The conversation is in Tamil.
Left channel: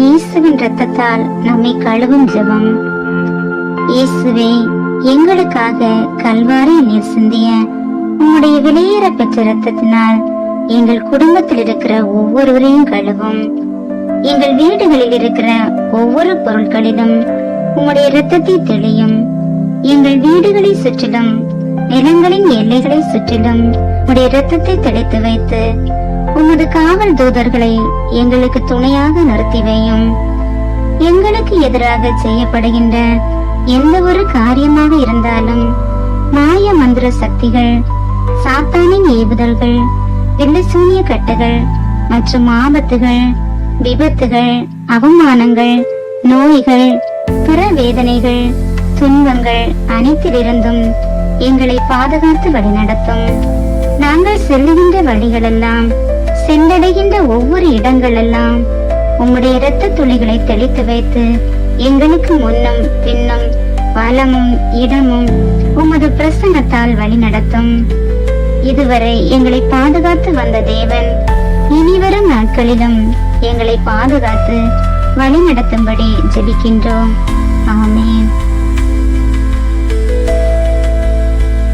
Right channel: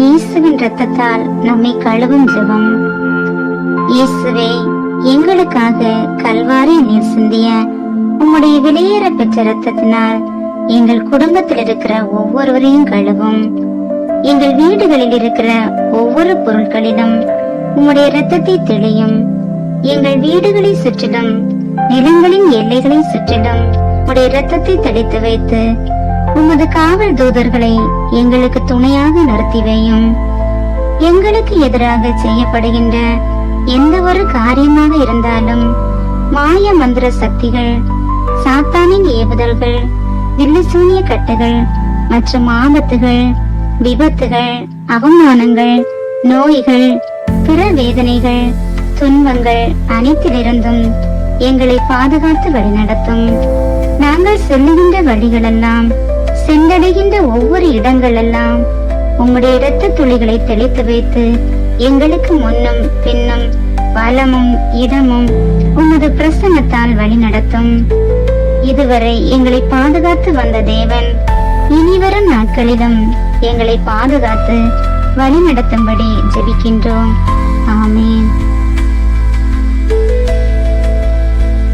இயேசுவின் இரத்தத்தால் நம்மை கழுவும் ஜெபம். இயேசுவே, எங்களுக்காக கல்வாரி நீர் சிந்திய உம்முடைய வெளியேற பெற்ற இரத்தத்தினால் எங்கள் குடும்பத்தில் இருக்கிற ஒவ்வொருவரையும் கழுவும். எங்கள் வீடுகளில் இருக்கிற ஒவ்வொரு பொருட்களிலும் உம்முடைய இரத்தத்தை தெளியும். எங்கள் வீடுகளை சுற்றிலும் நிலங்களின் எல்லைகளை சுற்றிலும் உடைய இரத்தத்தை தெளித்து வைத்து உமது காவல் தூதர்களை எங்களுக்கு துணையாக நிறுத்தி வையும். எங்களுக்கு எதிராக செய்யப்படுகின்ற எந்த ஒரு காரியமாக இருந்தாலும் மாய மந்திர சக்திகள், சாத்தானின் ஏவுதல்கள், வில்லுசூனிய கட்டுகள் மற்றும் ஆபத்துகள், விபத்துகள், அவமானங்கள், நோய்கள், பிற வேதனைகள், துன்பங்கள் அனைத்திலிருந்தும் எங்களை பாதுகாத்து வழிநடத்தும். நாங்கள் செல்லுகின்ற வழிகளெல்லாம், சென்றடைகின்ற ஒவ்வொரு இடங்களெல்லாம் உம்முடைய இரத்த துளிகளை தெளித்து வைத்து எங்களுக்கு முன்னும் பின்னும் வலமும் இடமும் உமது பிரசன்னத்தால் வழி நடத்தும். இதுவரை எங்களை பாதுகாத்து வந்த தேவன் இனிவரும் நாட்களிலும் எங்களை பாதுகாத்து வழி நடத்தும்படி ஜெபிக்கின்றோம். ஆமென்.